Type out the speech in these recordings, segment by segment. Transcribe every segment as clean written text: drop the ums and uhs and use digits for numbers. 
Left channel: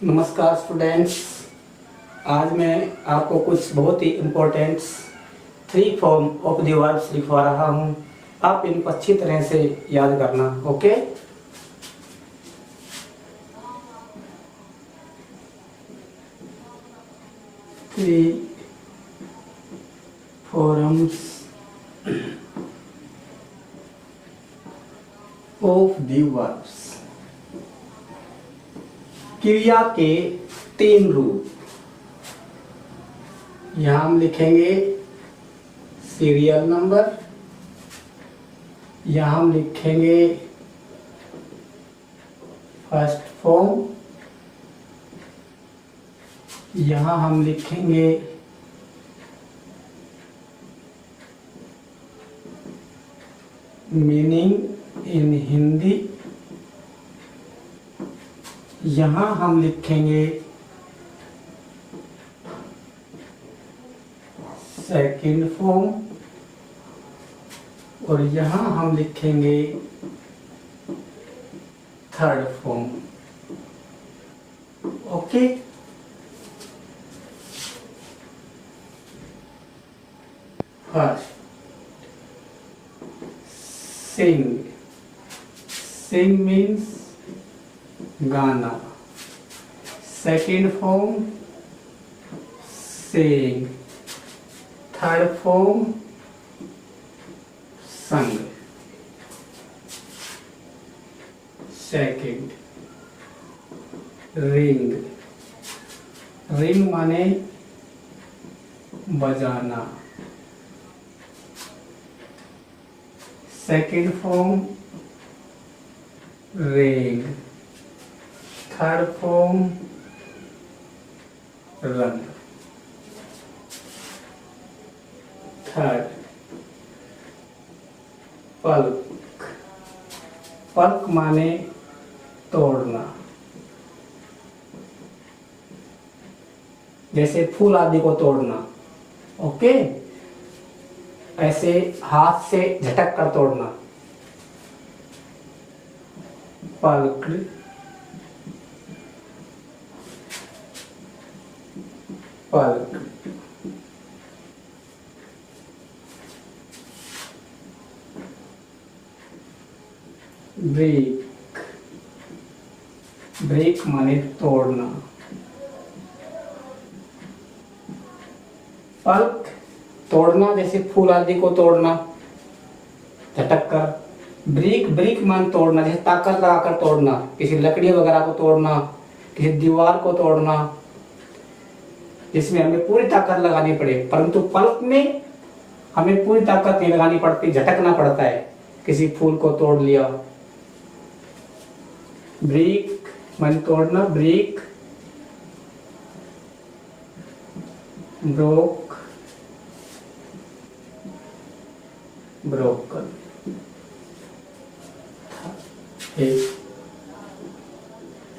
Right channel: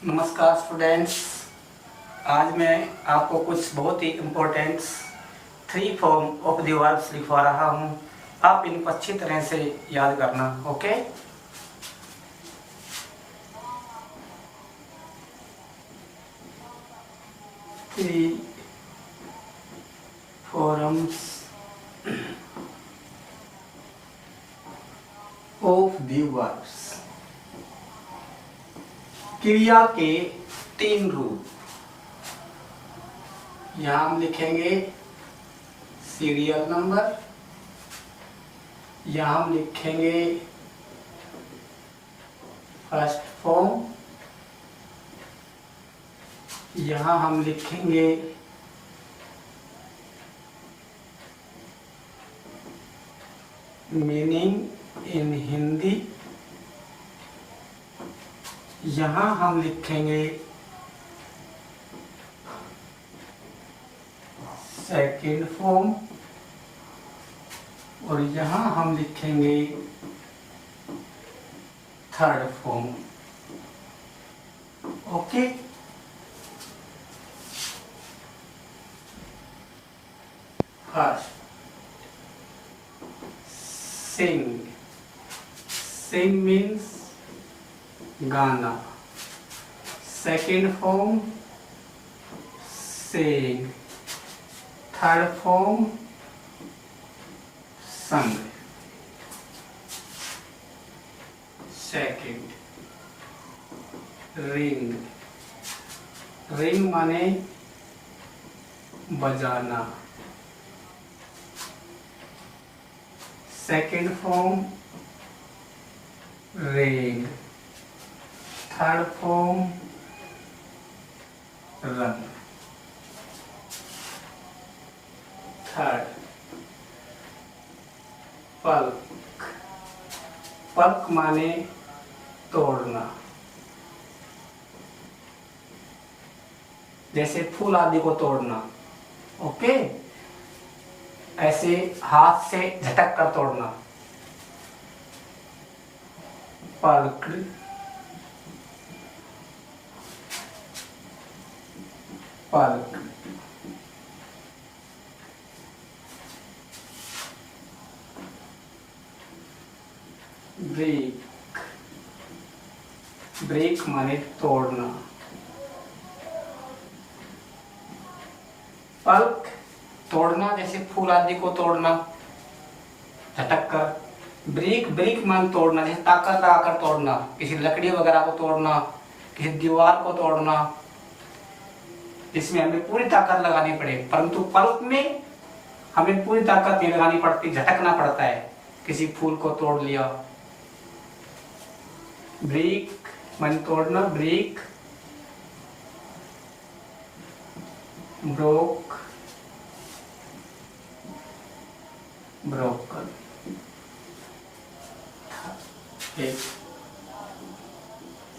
नमस्कार स्टूडेंट्स। आज मैं आपको कुछ बहुत ही important 3 form of the verbs लिखवा रहा हूँ। आप इनको अच्छी तरह से याद करना। Okay, three forms of the verbs. क्रिया के 3 रूप। यहां हम लिखेंगे सीरियल नंबर, यहां हम लिखेंगे फर्स्ट फॉर्म, यहां हम लिखेंगे मीनिंग इन हिंदी, यहां हम लिखेंगे सेकंड फॉर्म और यहां हम लिखेंगे थर्ड फॉर्म। ओके, फर्स्ट सिंग। सिंग मीन्स गाना। Second form Seng, third form संग। Second ring. रिंग माने बजाना। सेकंड फॉर्म रेंग, थर्ड फॉर्म रंग। थर्ड पल्क। पल्क माने तोड़ना, जैसे फूल आदि को तोड़ना। ओके, ऐसे हाथ से झटक कर तोड़ना। पल्क, पल्क। ब्रेक। ब्रेक माने तोड़ना। पल्क तोड़ना, जैसे फूल आदि को तोड़ना झटक कर। ब्रेक, ब्रेक मान तोड़ना, जैसे ताकत लगाकर तोड़ना, किसी लकड़ी वगैरह को तोड़ना, किसी दीवार को तोड़ना, जिसमें हमें पूरी ताकत लगानी पड़े। परंतु पल्क में हमें पूरी ताकत नहीं लगानी पड़ती, झटकना पड़ता है। किसी फूल को तोड़ लिया। ब्रेक मान तोड़ना, break. Broke, broken.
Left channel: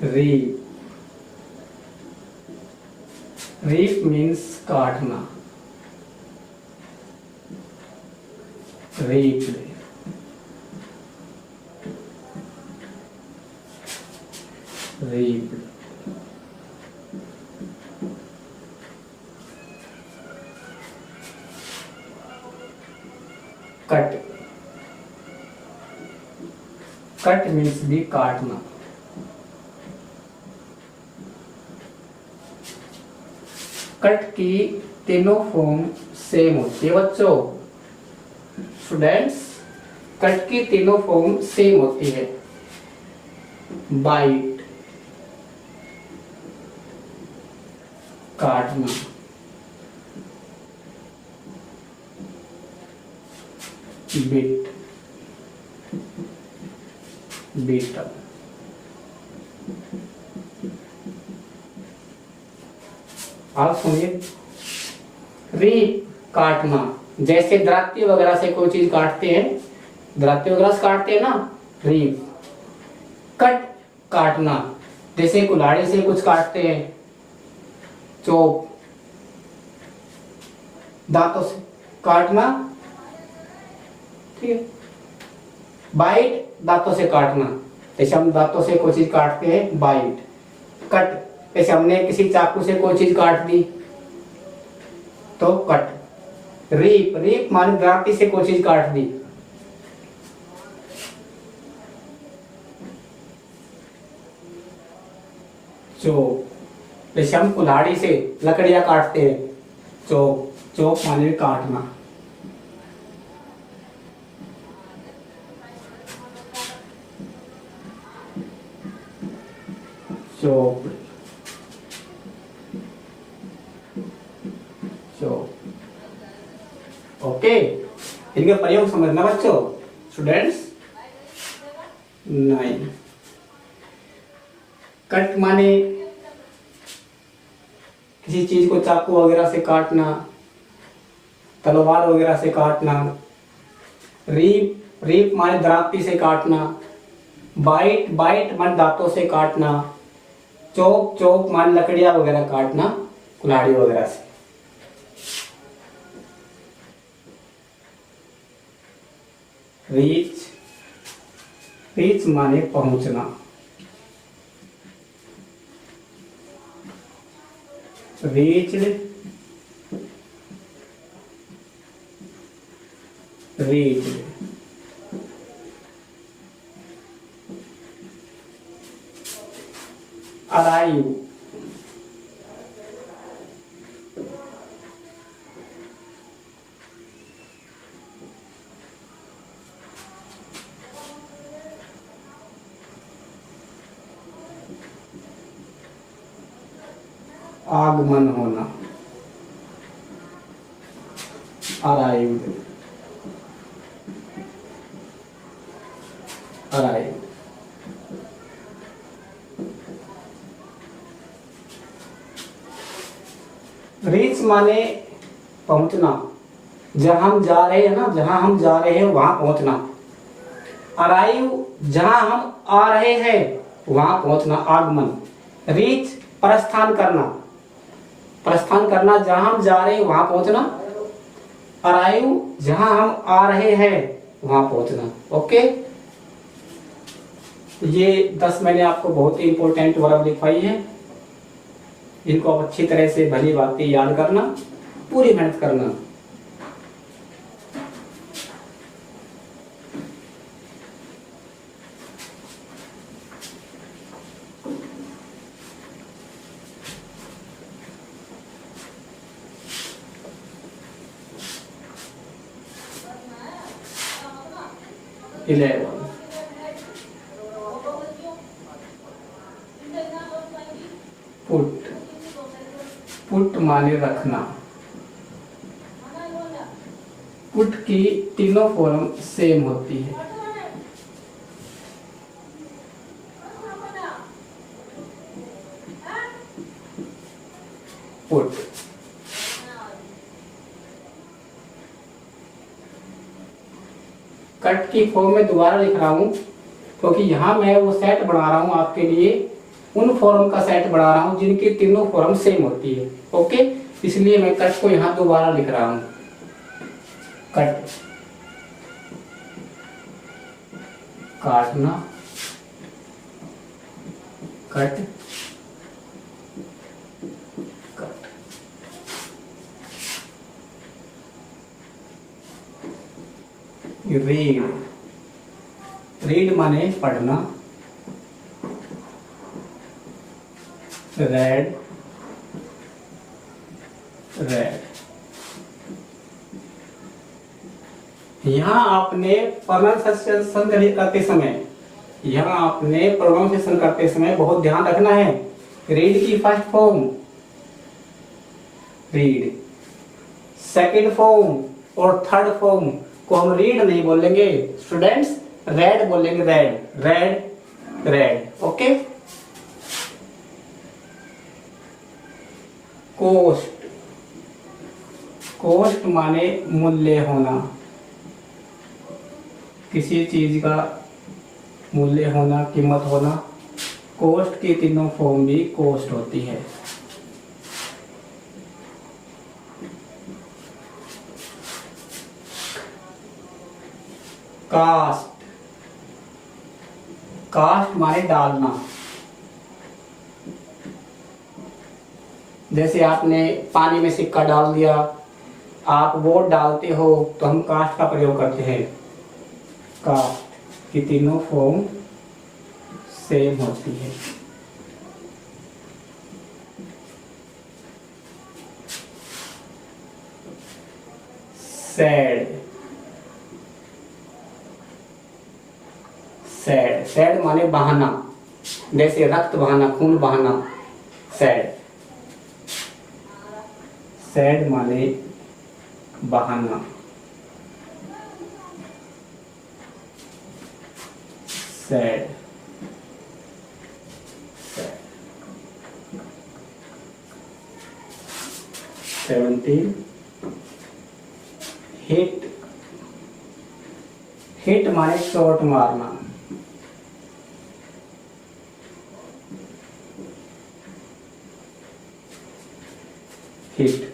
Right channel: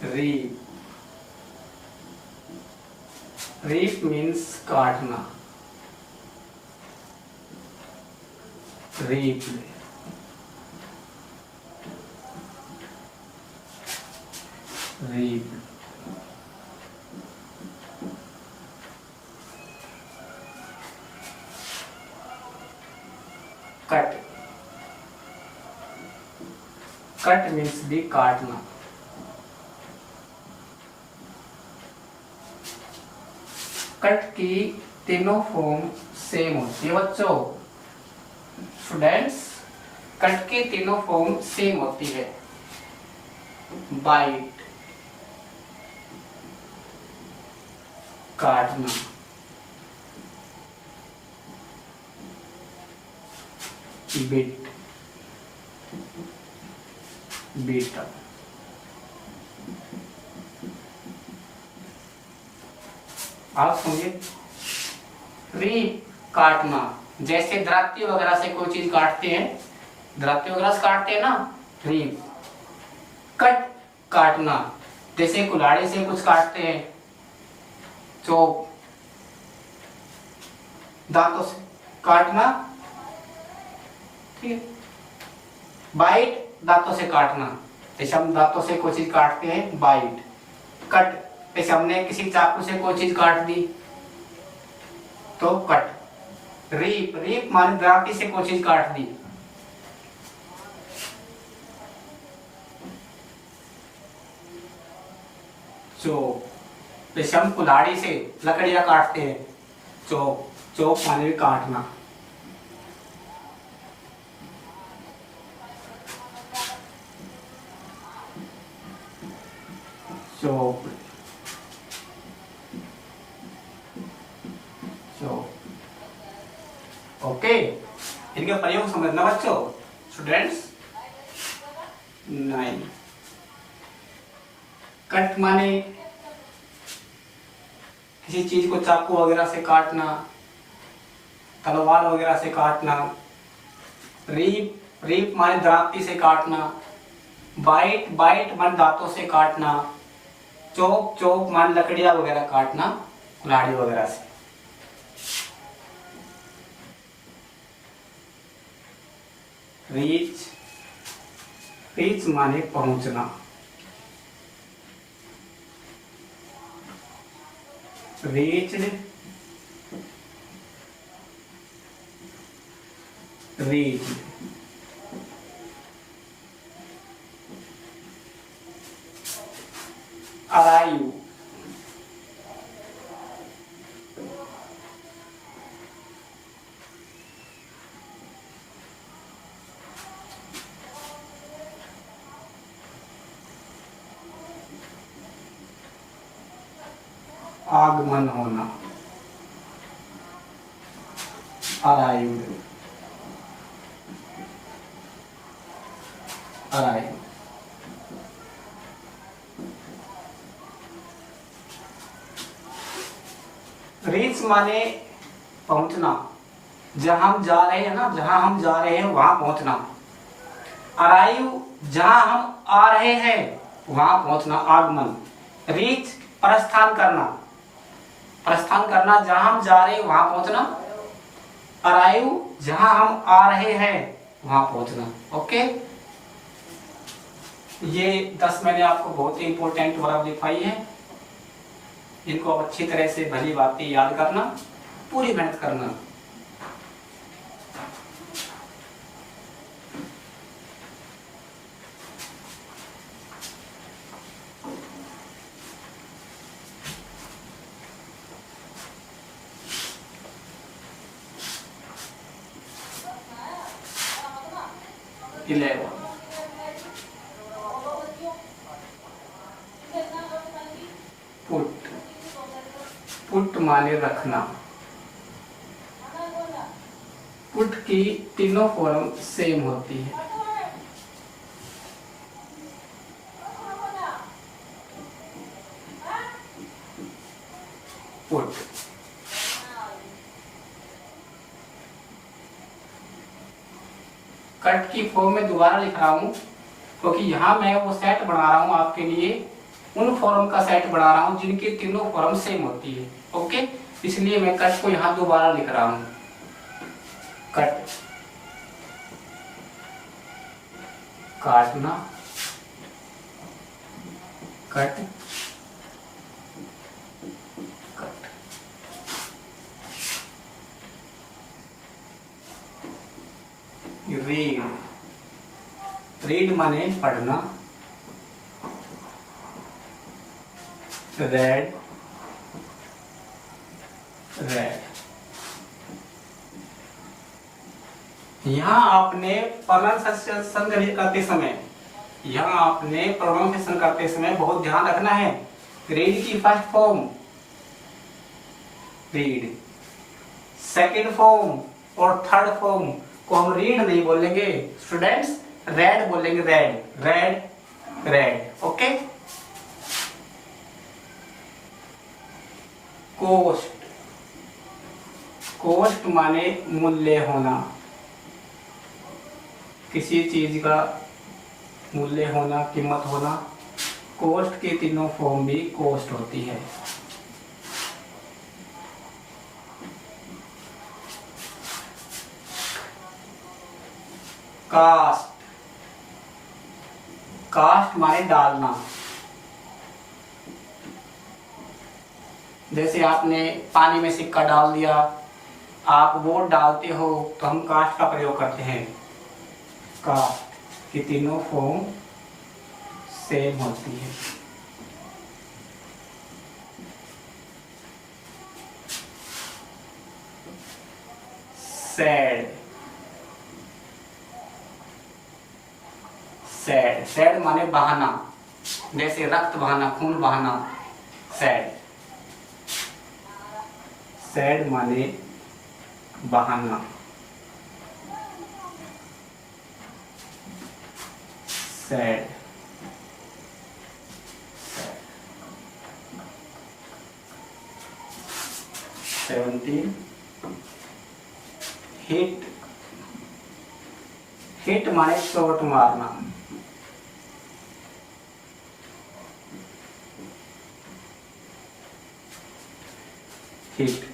Reap. Reap means काटना। Reap, reap. Cut. Cut means भी काटना। कट की तीनों फॉर्म सेम होती है बच्चों। स्टूडेंट्स, कट की तीनों फॉर्म सेम होती है। बाइट, काटना। Bit, beta. आप सुनिए, रीप काटना, जैसे दराती वगैरह से कोई चीज काटते हैं, दराती वगैरह से काटते हैं ना, रीप। कट काटना, जैसे कुल्हाड़ी से कुछ काटते हैं, चोप। दांतों से काटना, ठीक है। बाइट, दांतों से काटना, जैसे हम दांतों से कोई चीज काटते हैं, बाइट। कट जैसे हमने किसी चाकू से कोई चीज काट दी तो कट। रीप, रीप माने दराती से कोई चीज काट दी। चोप, जैसे हम कुल्हाड़ी से लकड़ियां काटते हैं, चोप, चोप माने काटना। Chop, chop. ओके, इनके प्रयोग समझना बच्चों, स्टूडेंट्स। नहीं, कट माने किसी चीज को चाकू वगैरह से काटना, तलवार वगैरह से काटना। रीप, रीप माने दराती से काटना। बाइट, बाइट माने दांतों से काटना। चोप, चोप माने लकड़ियां वगैरह काटना, कुल्हाड़ी वगैरह से। रीच, रीच माने पहुंचना। Reached, reached. अराइव, आगमन होना। Arrived, arrive. रीच माने पहुंचना, जहां हम जा रहे हैं ना, जहां हम जा रहे हैं वहां पहुंचना। अराइव, जहां हम आ रहे हैं वहां पहुंचना, आगमन। रीच, प्रस्थान करना, प्रस्थान करना, जहां हम जा रहे हैं वहां पहुंचना। अराइव, जहां हम आ रहे हैं वहां पहुंचना। ओके, ये 10 मैंने आपको बहुत ही इंपॉर्टेंट वर्ब दिखाई है। इनको आप अच्छी तरह से भली बातें याद करना, पूरी मेहनत करना। पुट, पुट माने रखना। पुट की तीनों फॉर्म सेम होती है। पुट, कट की फॉर्म में दोबारा लिख रहा हूं क्योंकि यहां मैं वो सेट बना रहा हूं आपके लिए, उन फॉर्म का सेट बना रहा हूं जिनकी तीनों फॉर्म सेम होती है। ओके, इसलिए मैं कट को यहां दोबारा लिख रहा हूं। कट, काटना, कट, कट। रीड, रीड माने पढ़ना। Red, red. यहां आपने प्रोनाउंसिएशन करते समय, यहां आपने प्रोनाउंसिएशन करते समय बहुत ध्यान रखना है। रीड की first form read, second form और थर्ड फॉर्म को हम रीड नहीं बोलेंगे स्टूडेंट्स, रेड बोलेंगे। Read, read, read. Okay. Cost, cost माने मूल्य होना, किसी चीज का मूल्य होना, कीमत होना। कोस्ट की तीनों फॉर्म भी कोस्ट होती है। कास्ट, कास्ट माने डालना। जैसे आपने पानी में सिक्का डाल दिया, आप वोट डालते हो तो हम कास्ट का प्रयोग करते हैं। कास्ट की तीनों फॉर्म सेम होती है। सैड, सैड, सैड माने बहाना, जैसे रक्त बहाना, खून बहाना, सैड। सैड माने बहाना, सैड। 17 हिट, हिट माने शॉट मारना, hit.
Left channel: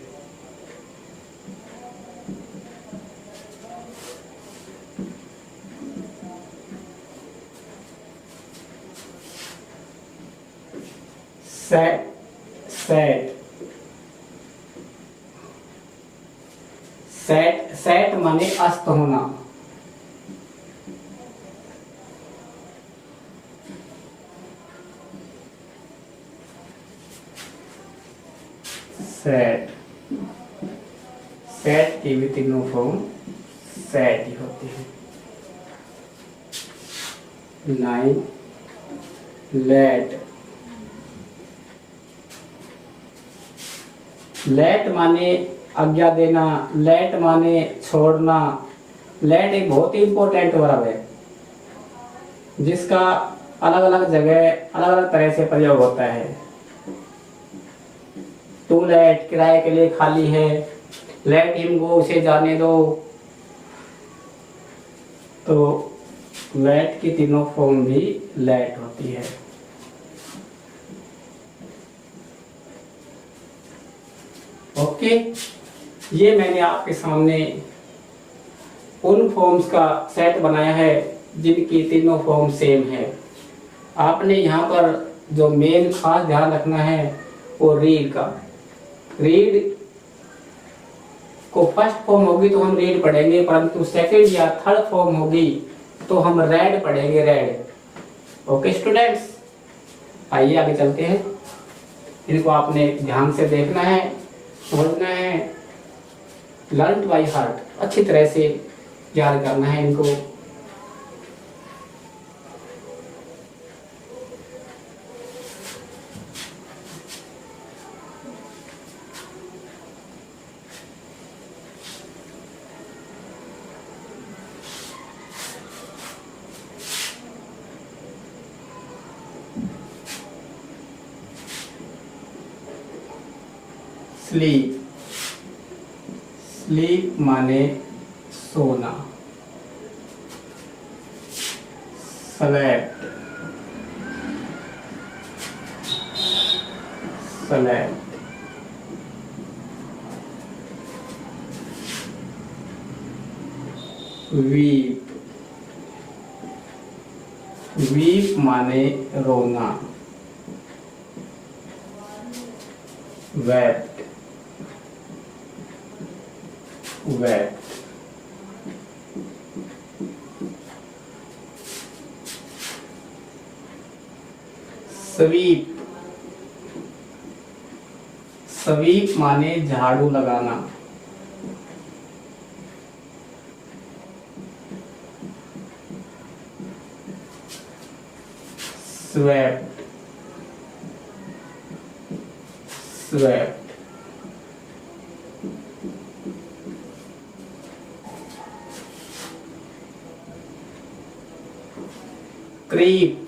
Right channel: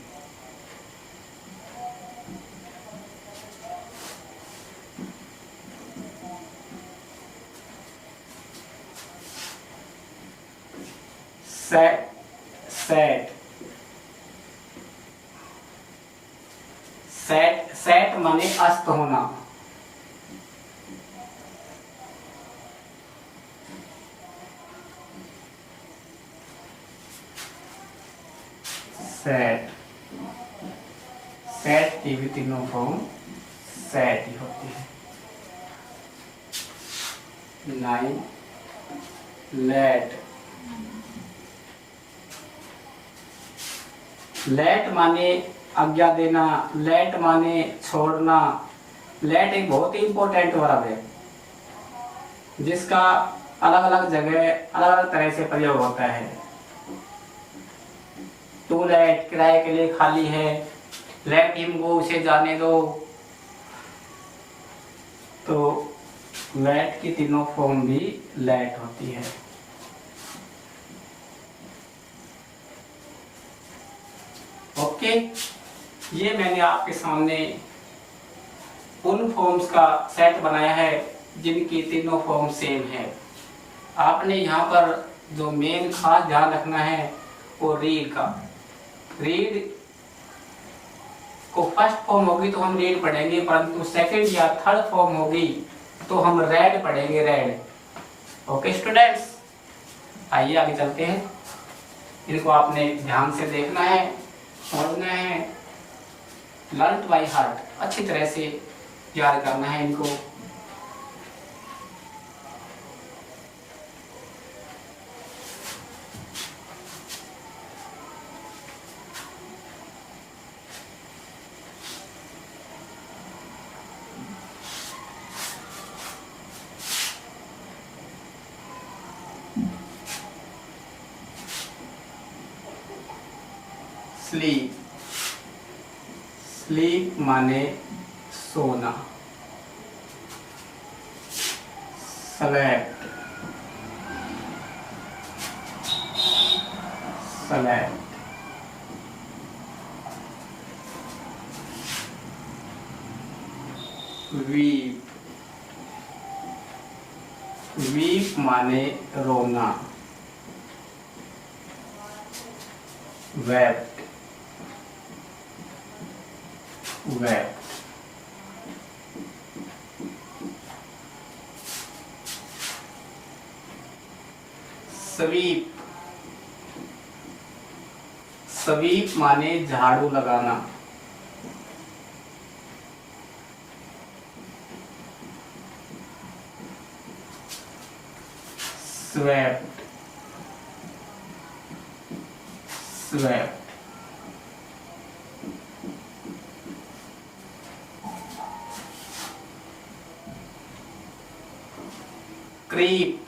Set, set, set, set माने अस्त होना, सेट। सेट की भी तीनों फॉर्म सेट ही होती है। 9 लेट, लेट माने आज्ञा देना, लेट माने छोड़ना। लेट एक बहुत ही इंपॉर्टेंट वर्ब है जिसका अलग अलग जगह अलग अलग तरह से प्रयोग होता है। टू लेट किराए के लिए खाली है, लेट हिम गो उसे जाने दो। तो लेट की तीनों फॉर्म भी लेट होती है। ओके, ये मैंने आपके सामने उन फॉर्म्स का सेट बनाया है जिनकी तीनों फॉर्म सेम है। आपने यहाँ पर जो मेन खास ध्यान रखना है वो रीड का। रीड को फर्स्ट फॉर्म होगी तो हम रीड पढ़ेंगे, परंतु सेकंड या थर्ड फॉर्म होगी तो हम रेड पढ़ेंगे, रेड। ओके स्टूडेंट्स, आइए आगे चलते हैं। इनको आपने ध्यान से देखना है, समझना है, लर्न बाय हार्ट, अच्छी तरह से याद करना है इनको। स्लीप, स्लीप माने सोना। Slept, slept. वीप, वीप माने रोना। Wept, wept. स्वीप, स्वीप माने झाड़ू लगाना। Swept, swept. क्रीप,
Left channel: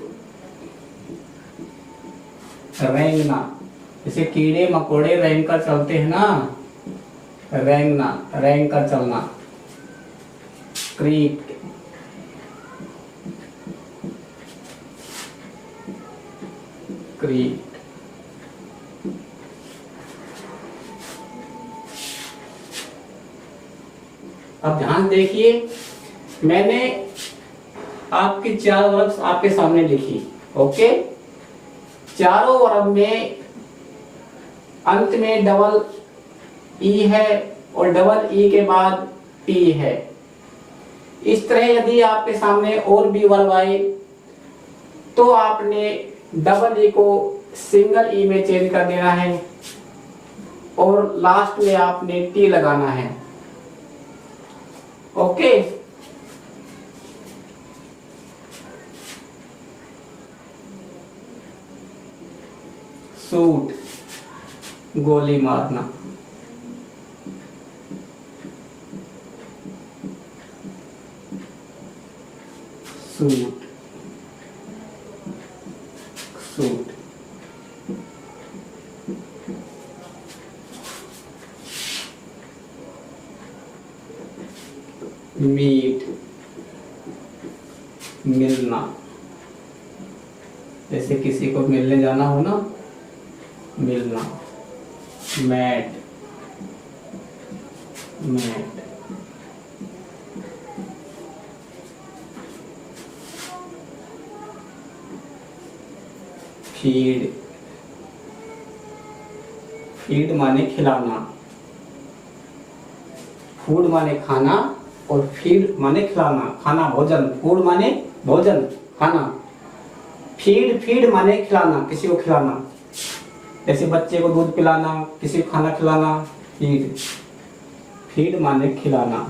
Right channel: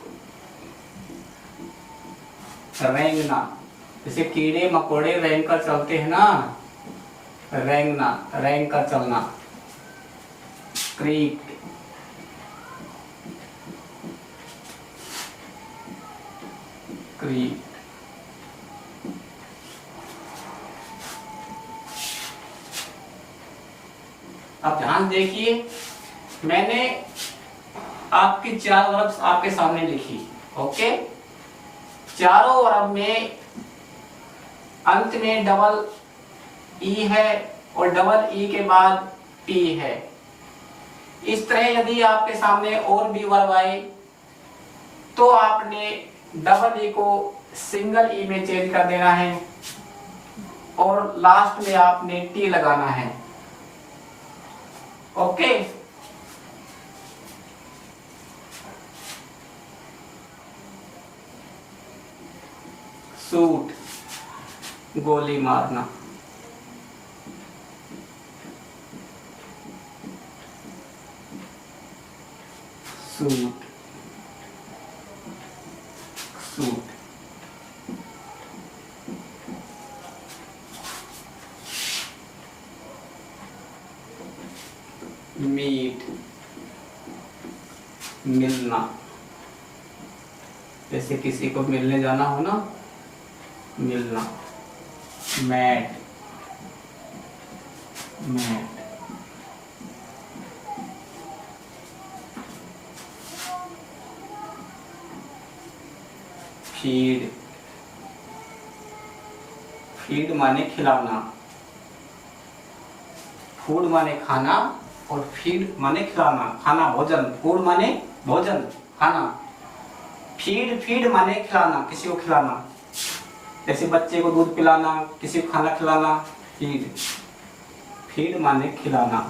रेंगना। जैसे कीड़े मकोड़े रेंग कर चलते हैं ना, रेंगना, रेंग कर चलना। Creep, creep. अब ध्यान देखिए, मैंने आपकी 4 वर्ब्स आपके सामने लिखी। ओके, चारों वर्ब में अंत में डबल ई है और डबल ई के बाद पी है। इस तरह यदि आपके सामने और भी वर्ब आए तो आपने डबल ई को सिंगल ई में चेंज कर देना है और लास्ट में आपने टी लगाना है। ओके, शूट गोली मारना, शूट शूट, मीट मिलना, जैसे किसी को मिलने जाना हो ना, मिलना। मैट मैट, फीड फीड माने खिलाना, फूड माने खाना और फीड माने खिलाना, खाना भोजन, फूड माने भोजन खाना, फीड फीड माने खिलाना, किसी को खिलाना, जैसे बच्चे को दूध पिलाना, किसी को खाना खिलाना, फीड फीड माने खिलाना।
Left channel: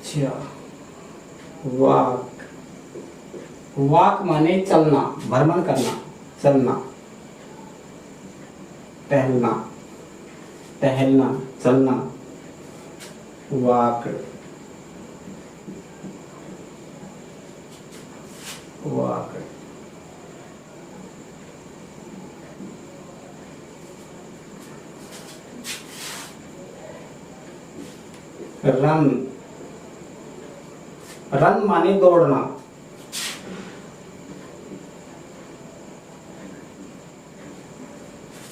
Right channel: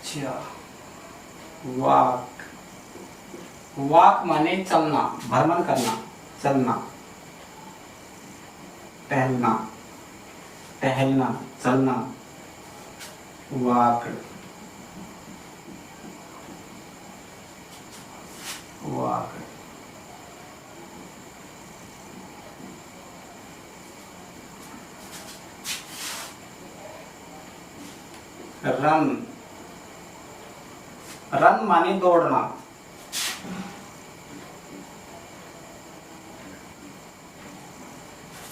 अच्छा, वॉक वॉक माने चलना, भ्रमण करना, चलना। टहलना टहलना, चलना, वॉक वॉक। रन रन माने दौड़ना,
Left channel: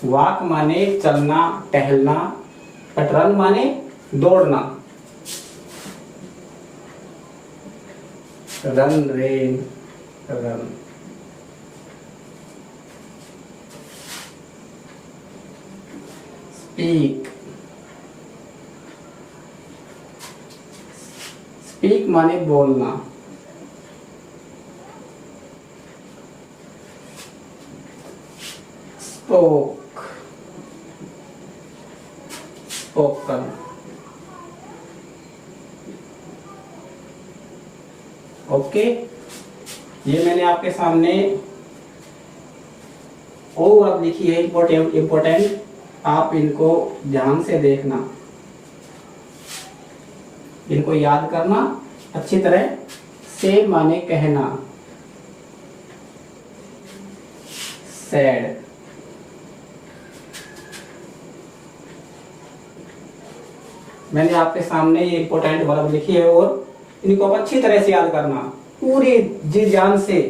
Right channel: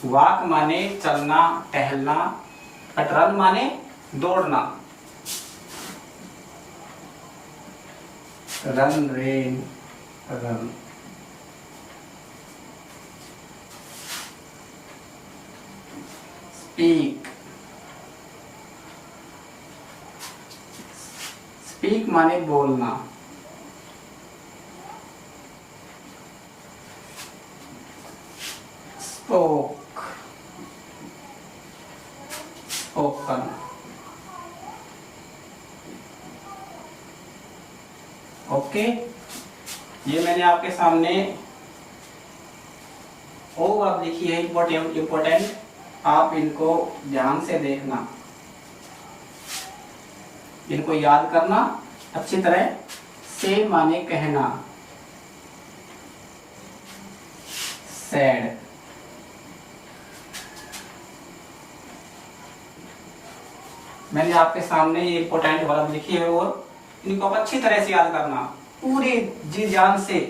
वॉक माने चलना टहलना, बट रन माने दौड़ना। Run rain run. Speak speak माने बोलना, स्पोक स्पोकन। ओके, ये मैंने आपके सामने वो वर्ब लिखी है इम्पोर्टेंट, आप इनको ध्यान से देखना, इनको याद करना अच्छी तरह से। माने कहना, सैड, मैंने आपके सामने ये इम्पोर्टेंट वर्ब लिखी है और इनको आप अच्छी तरह से याद करना, पूरी जी जान से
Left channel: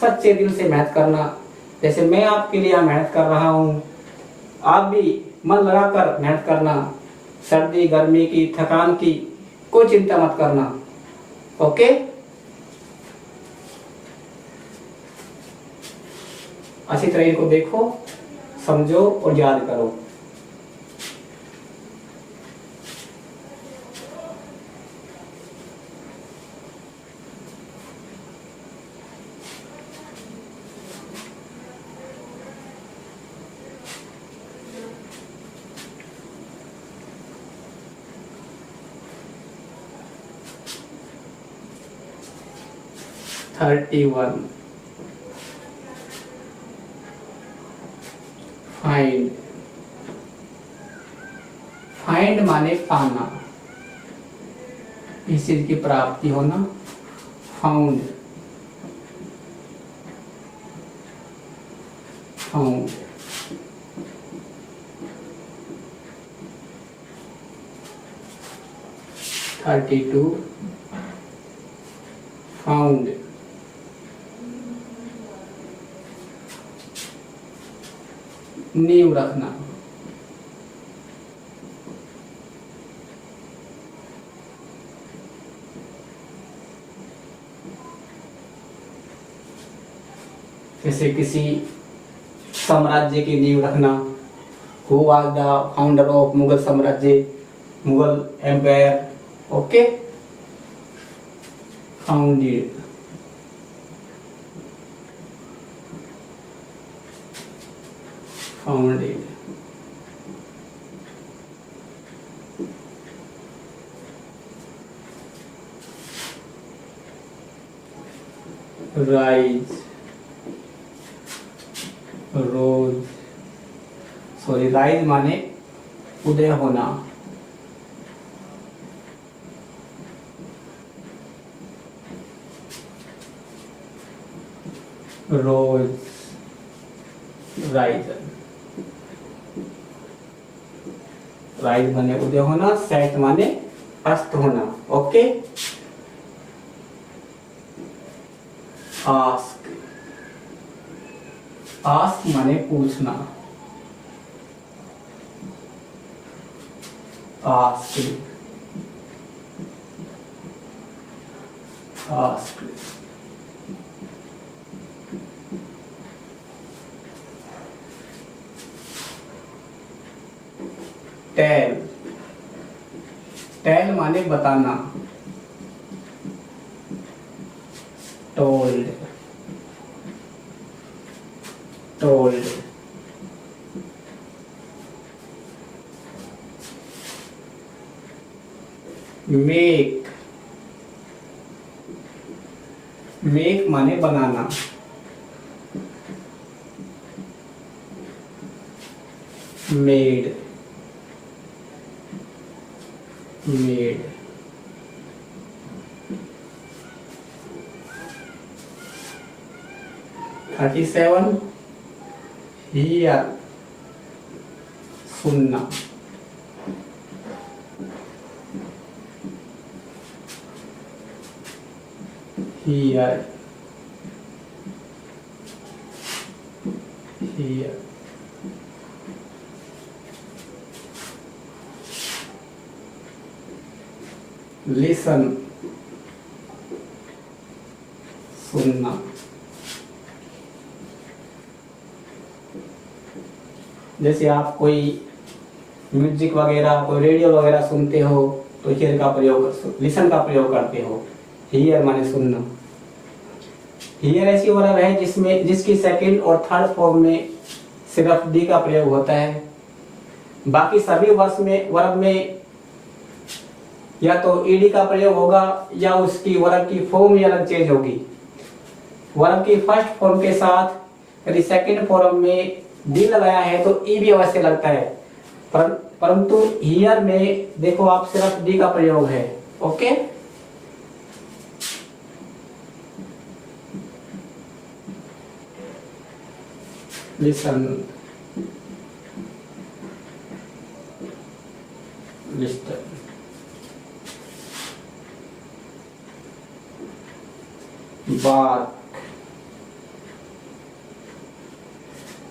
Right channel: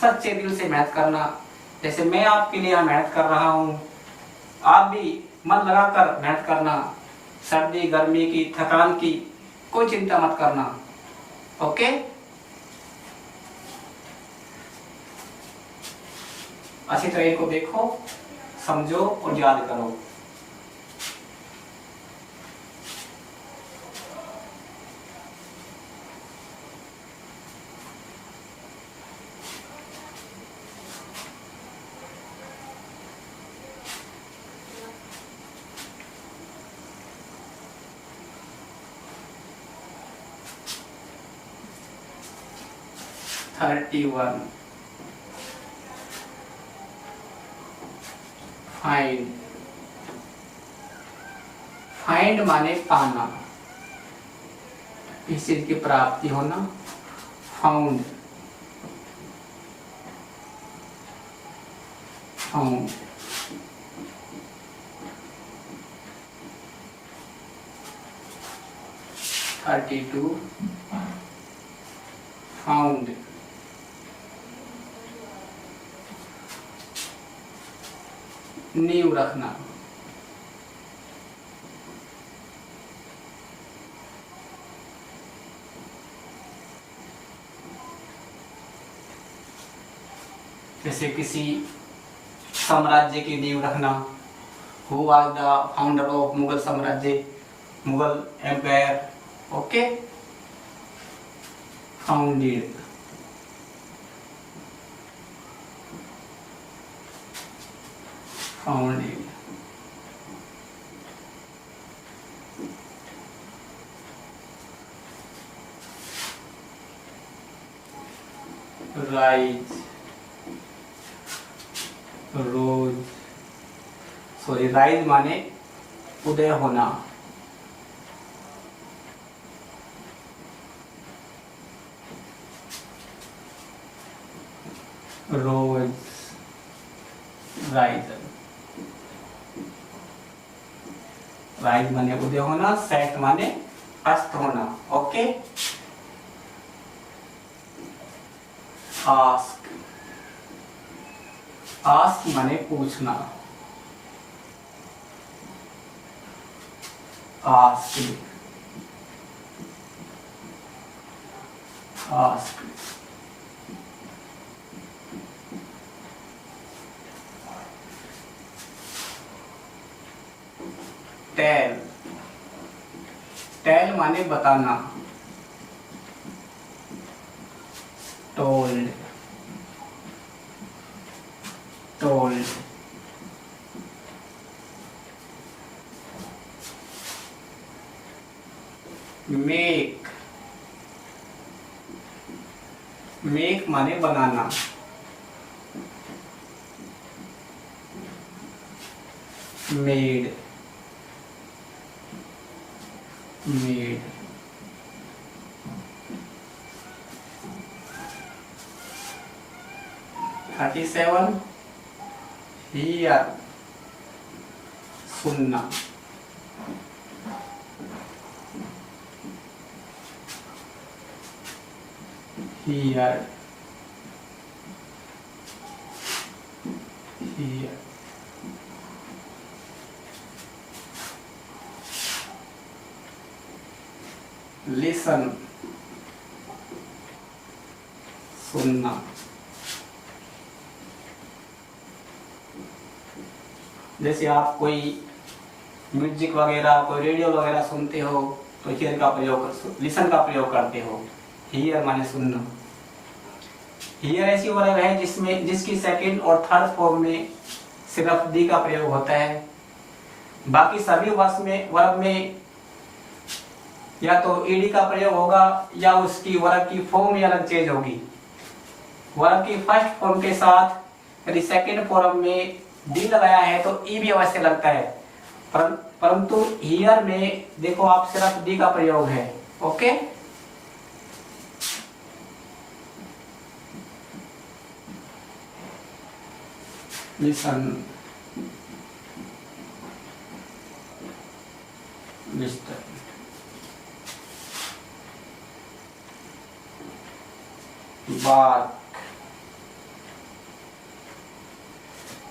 सच्चे दिल से मेहनत करना। जैसे मैं आपके लिए मेहनत कर रहा हूँ, आप भी मन लगाकर मेहनत करना। सर्दी गर्मी की थकान की कोई चिंता मत करना। ओके, अच्छी तरह इनको देखो, समझो और याद करो। (31) फाइंड फाइंड माने पाना, किसी चीज की प्राप्ति होना। फाउंड फाउंड 32 फाउंड नींव रखना। जैसे किसी साम्राज्य की नींव रखना। Who was the founder of Mughal साम्राज्य, Mughal empire. Okay, founded, founded. Rise, rose, sorry rise माने उदय होना। रोज, राइज, राइज माने उदय होना, सेट माने अस्त होना। ओके, आस्क, आस्क माने पूछना। Ask, ask. टेल, टेल माने बताना। Told, told. मेक, मेक माने बनाना। Made, made. Thirty seven, hear, सुनना। Hear, hear. लिसन, सुनना। जैसे आप कोई म्यूजिक वगैरह, कोई रेडियो वगैरह सुनते हो तो हियर का प्रयोग, लिसन का प्रयोग करते हो। हियर माने सुनना। हियर ऐसी वर्ब है जिसमें जिसकी सेकंड और थर्ड फॉर्म में सिर्फ डी का प्रयोग होता है। बाकी सभी वर्ब में या तो ईडी का प्रयोग होगा या उसकी वर्ब की फॉर्म ही अलग चेंज होगी। वर्ब की फर्स्ट फॉर्म के साथ यदि सेकंड फॉर्म में डी लगाया है तो ई भी अवश्य लगता है, परंतु हियर में देखो आप सिर्फ डी का प्रयोग है। Okay, listen, listen. Bark,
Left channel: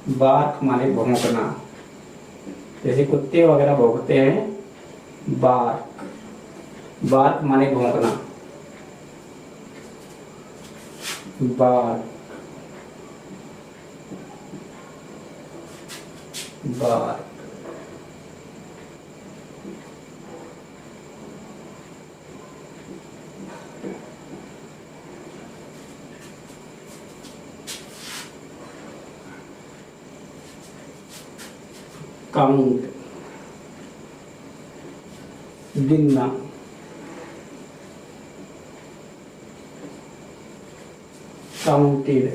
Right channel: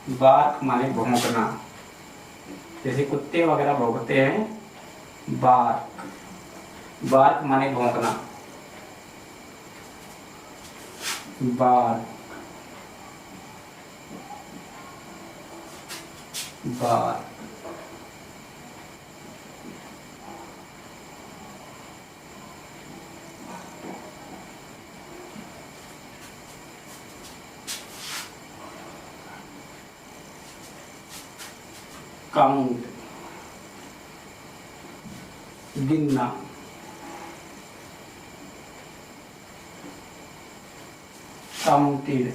bark माने भौंकना। जैसे कुत्ते वगैरह भौंकते हैं। बार्क, बार्क माने भौंकना। Bark, bark. काउंट, गिनना। Counted,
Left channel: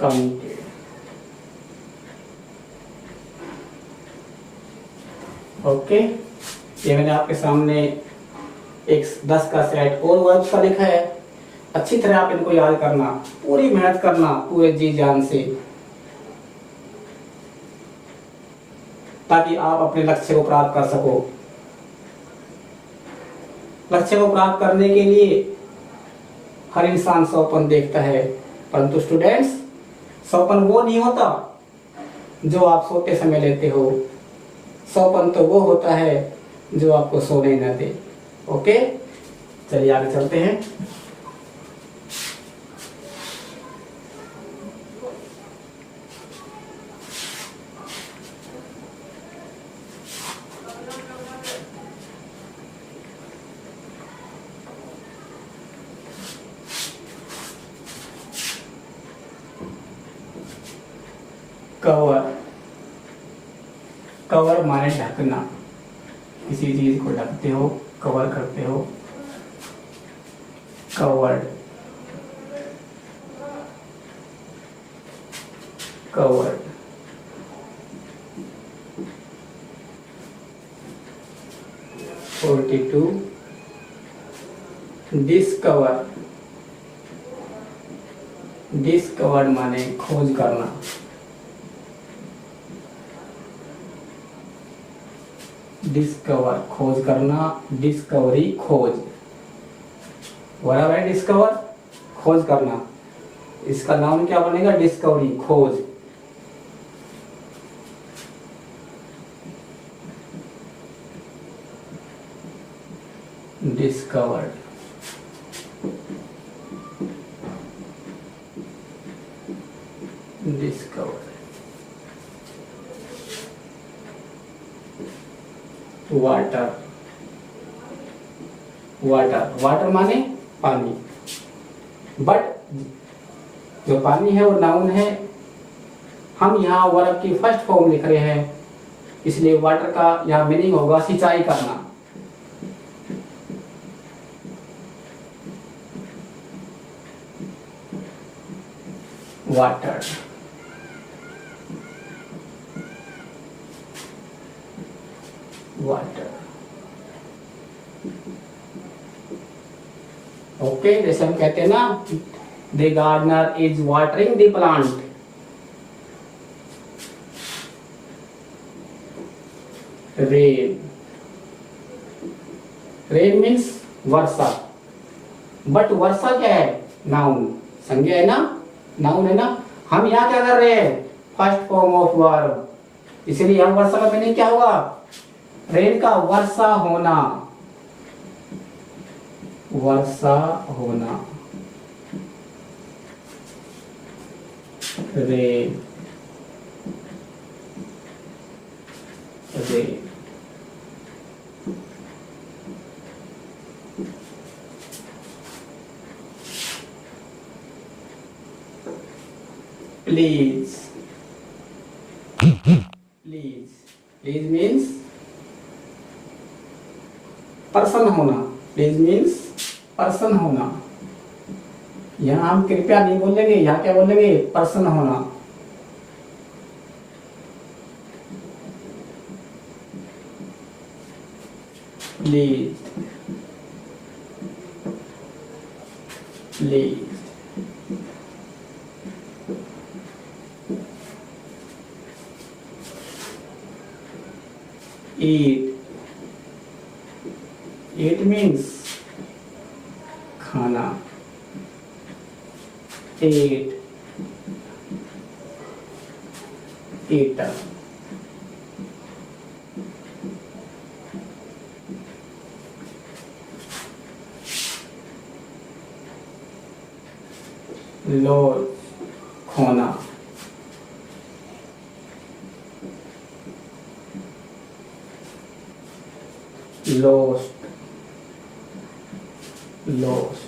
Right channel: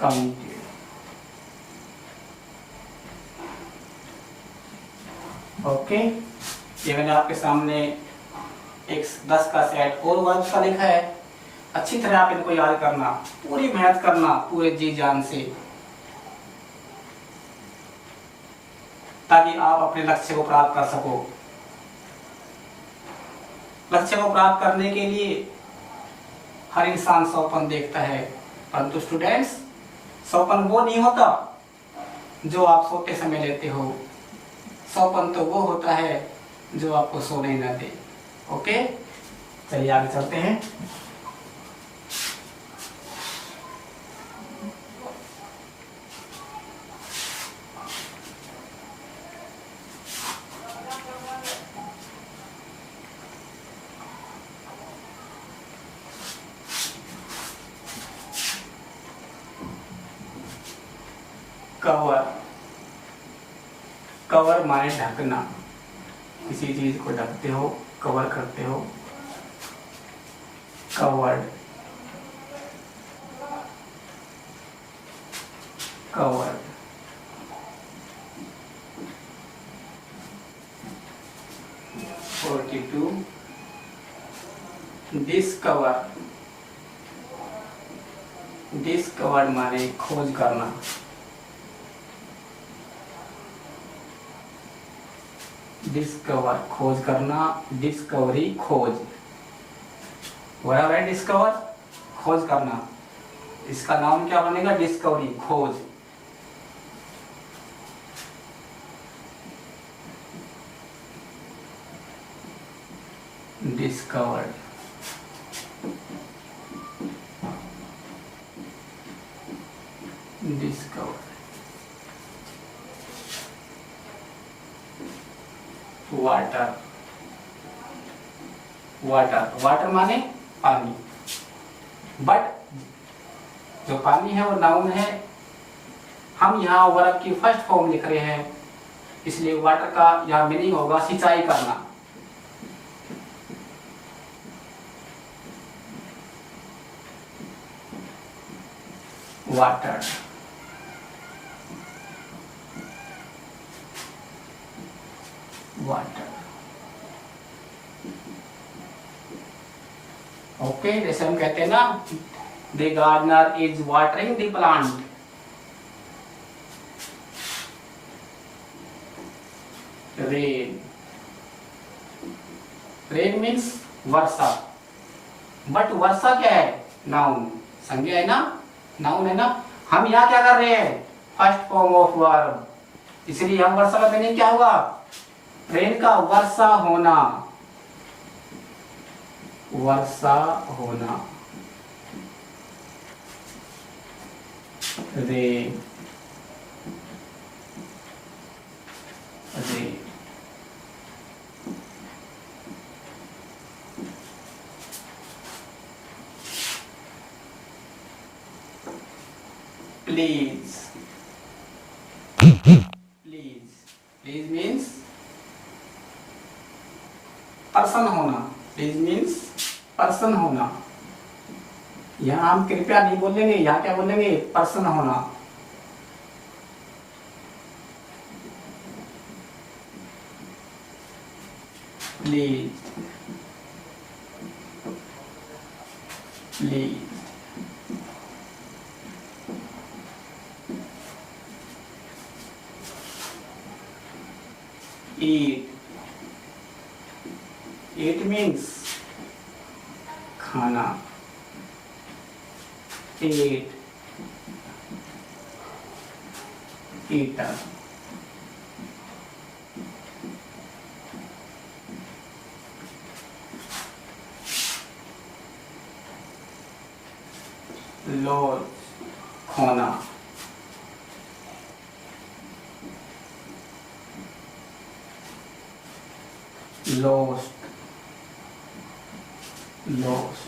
counted. ओके, ये मैंने आपके सामने एक 10 का सेट और वर्ब्स का लिखा है। अच्छी तरह आप इनको याद करना, पूरी मेहनत करना पूरे जी जान से, ताकि आप अपने लक्ष्य को प्राप्त कर सको। लक्ष्य को प्राप्त करने के लिए हर इंसान सपन देखता है, परंतु स्टूडेंट्स सोपन वो नहीं होता जो आप सोते समय लेते हो, सोपन तो वो होता है जो आपको सोने न दे। ओके, चलिए आगे चलते हैं। कवर, कवर माने ढकना, किसी चीज को ढकते हो, कवर करते हो। Covered, covered. 42 डिस्कवर, डिस्कवर्ड माने खोज करना। डिस्कवर खोज करना, डिस्कवरी खोज, बराबर है। डिस्कवर खोज करना, इसका नाम क्या बनेगा? डिस्कवरी खोज। Discovered, discovered. Water, water, water माने पानी। बट जो पानी है वो नाउन है, हम यहाँ वर्ब की फर्स्ट फॉर्म लिख रहे हैं, इसलिए वाटर का यहाँ मीनिंग होगा सिंचाई करना। Water, water. ओके, जैसे हम कहते हैं ना, the gardener is watering the plant. Rain, rain means वर्षा। बट वर्षा क्या है? नाउन, संज्ञा है ना, नाउन है ना। हम यहाँ क्या कर रहे हैं? फर्स्ट फॉर्म ऑफ वर्ब, इसलिए हम वर्षा का मीनिंग क्या होगा? रेन का वर्षा होना, वर्षा होना। Rain, rain. Please, please, please means person होना। प्लीज मीन्स पर्सन होना। यहाँ हम कृपया नहीं बोलेंगे, यहाँ क्या बोलेंगे? पर्सन होना। Please, please. eat, eat means खाना। eat, eater। lose, खोना। lost, lost।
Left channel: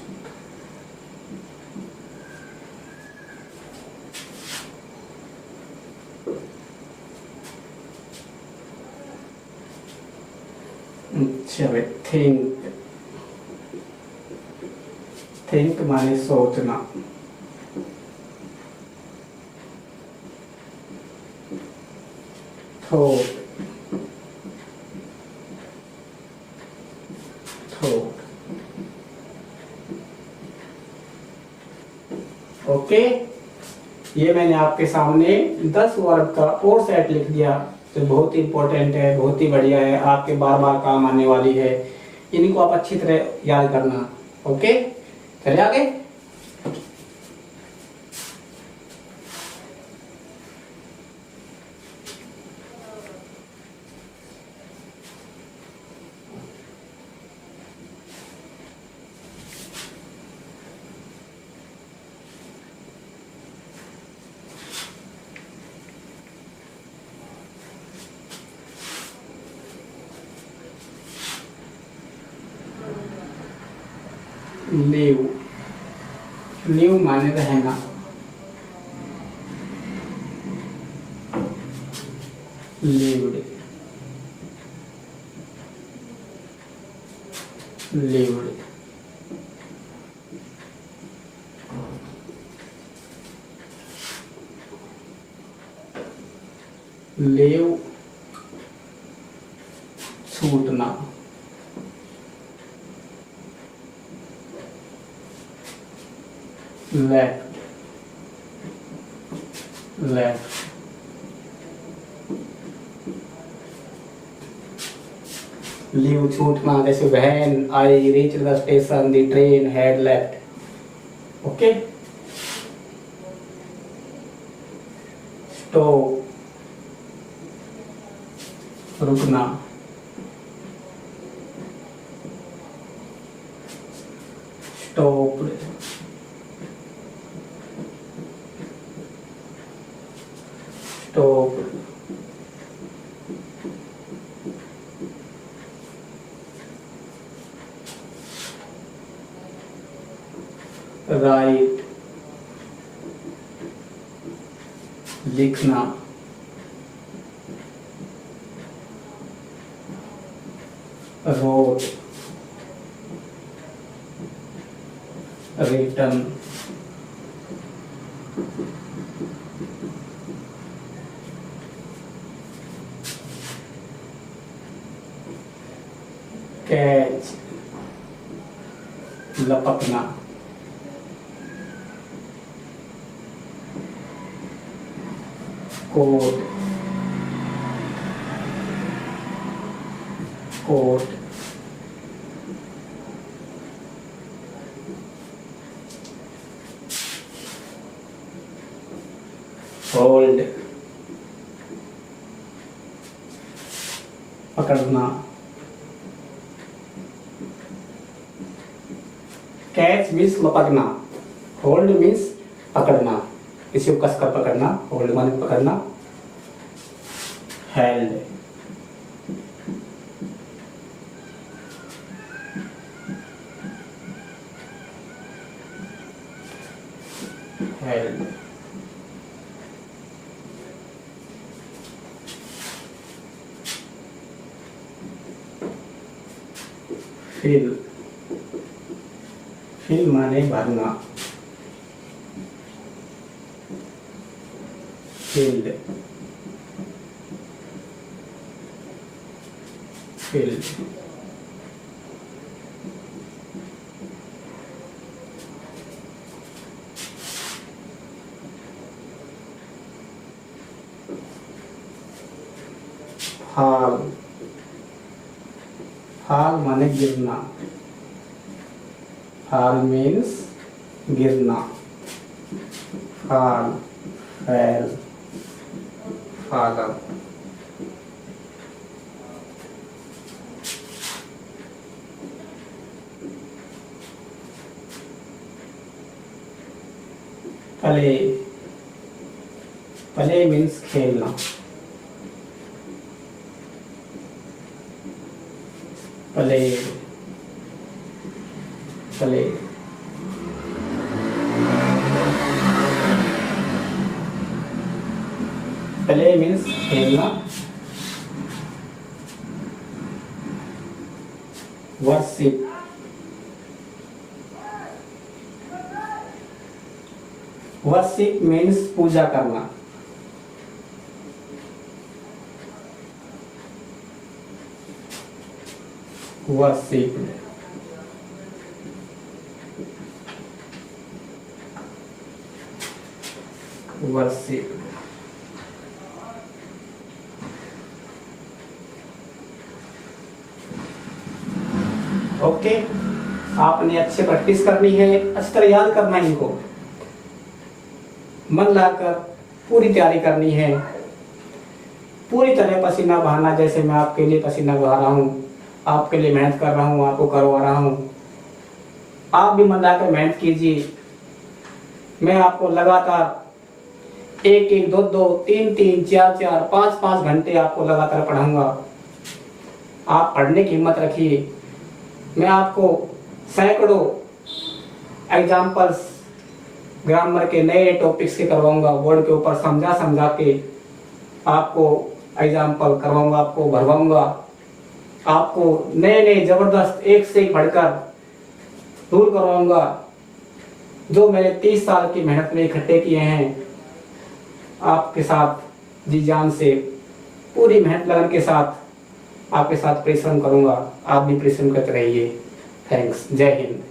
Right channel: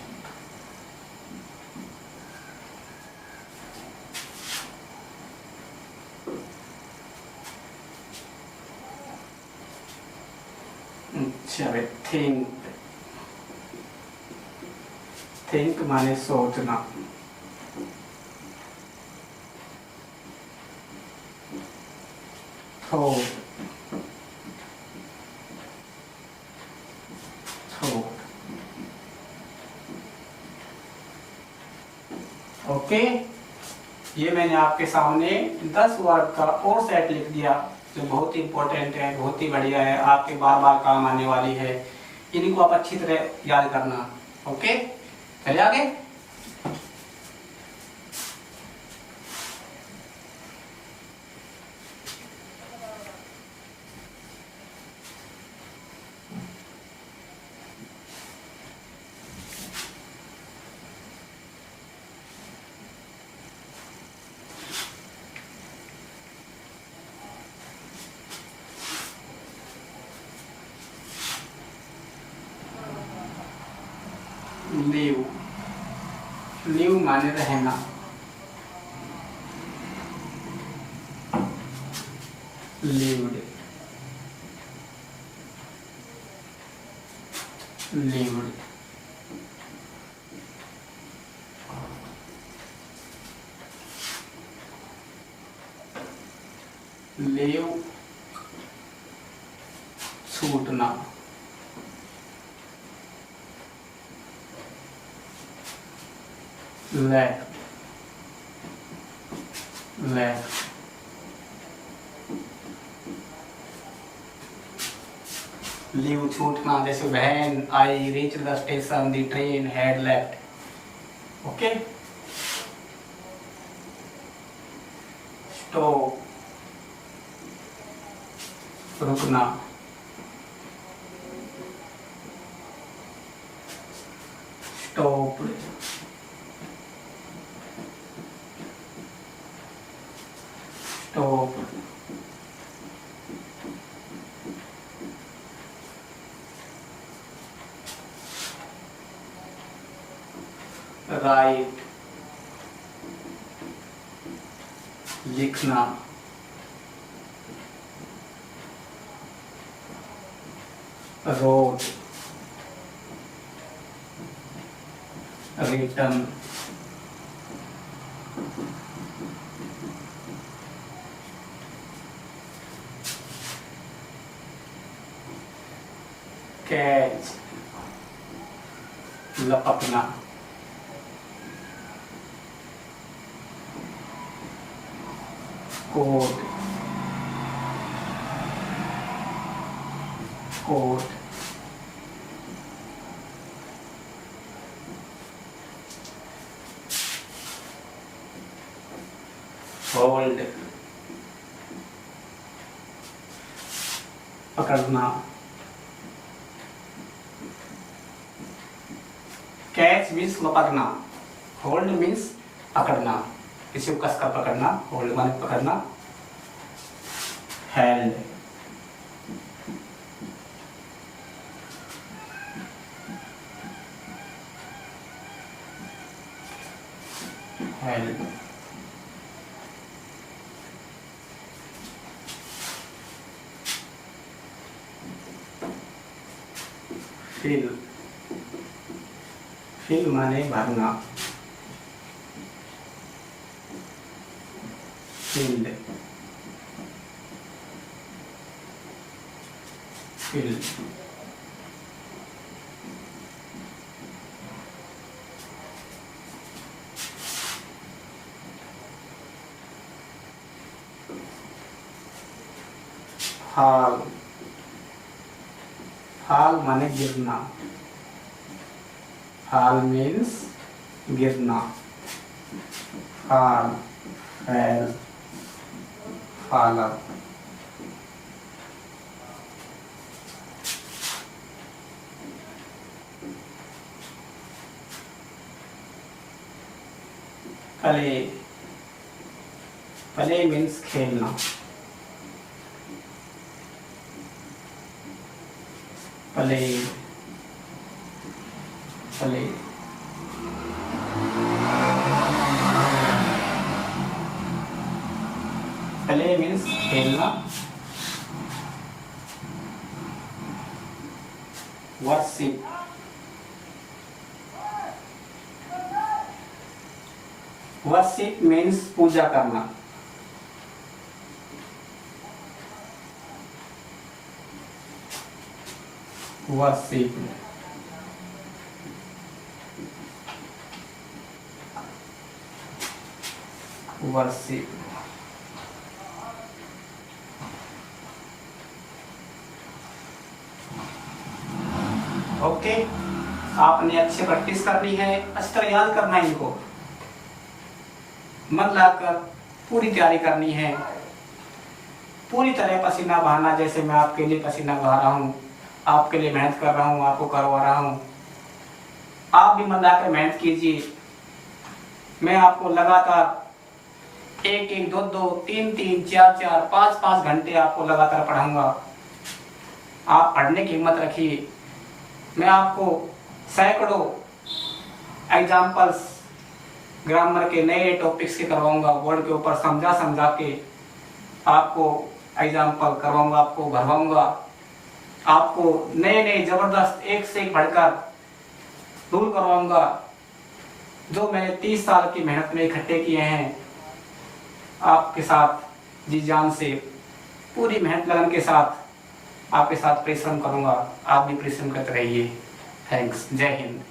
अच्छा भाई, थिंक, थिंक माने सोचना। Thought, thought. ओके, ये मैंने आपके सामने 10 वर्ड का और सेट लिख दिया, जो बहुत इंपॉर्टेंट है, बहुत ही बढ़िया है, आपके बार बार काम आने वाली है। इनको आप अच्छी तरह याद करना। ओके, चलिए आगे। लिव, लिव माने रहना, लिव्ड, लिव्ड। लिव छूटना, लेफ्ट, लेफ्ट। लीव छूटना, जैसे when I reach the station the train had left. Okay. Stop, रुकना, स्टॉप्ड, स्टॉप्ड। राइट, लिखना, रोट, रिटर्न, कैच, लपकना, कोट, कोट, होल्ड, पकड़ना, कैच मीन्स लपकना, होल्ड मीन्स पकड़ना, किसी को कसकर पकड़ना, होल्ड माने पकड़ना, हेल्ड, हेल्ड, फिल, फिल माने भरना, फिल्ड, फिल्ड, फाल, फाल माने गिरना, फाल मीन्स गिरना, फाल, फैल, फालर, प्ले, प्ले मीन्स खेलना, प्ले, प्ले, प्ले मीन्स खेलना, वर्शिप, वर्शिप मीन्स पूजा करना, वर्शिप, वर्शिप। ओके, आपने अच्छे प्रैक्टिस करनी है, अच्छी तरह याद करना है, इनको मन लगाकर पूरी तैयारी करनी है, पूरी तरह पसीना बहाना, जैसे मैं आपके लिए पसीना बहा रहा हूँ, आपके लिए मेहनत कर रहा हूँ, आपको करवा रहा हूँ, आप भी मन लगाकर मेहनत कीजिए। मैं आपको लगातार 1-1, 2-2, 3-3, 4-4, 5-5 घंटे आपको लगातार पढ़ाऊंगा। आप पढ़ने की हिम्मत रखिए। मैं आपको सैकड़ों एग्जाम्पल्स ग्रामर के नए टॉपिक्स के करवाऊंगा, बोर्ड के ऊपर समझा समझा के आपको एग्जाम्पल करवाऊंगा, आपको भरवाऊंगा, आपको नए नए जबरदस्त एक से एक बढ़कर रूल करवाऊंगा जो मैंने 30 साल की मेहनत में इकट्ठे किए हैं। आपके साथ जी जान से पूरी मेहनत लगन के साथ आपके साथ परिश्रम करूंगा। आप भी परिश्रम करते रहिए। थैंक्स। जय हिंद।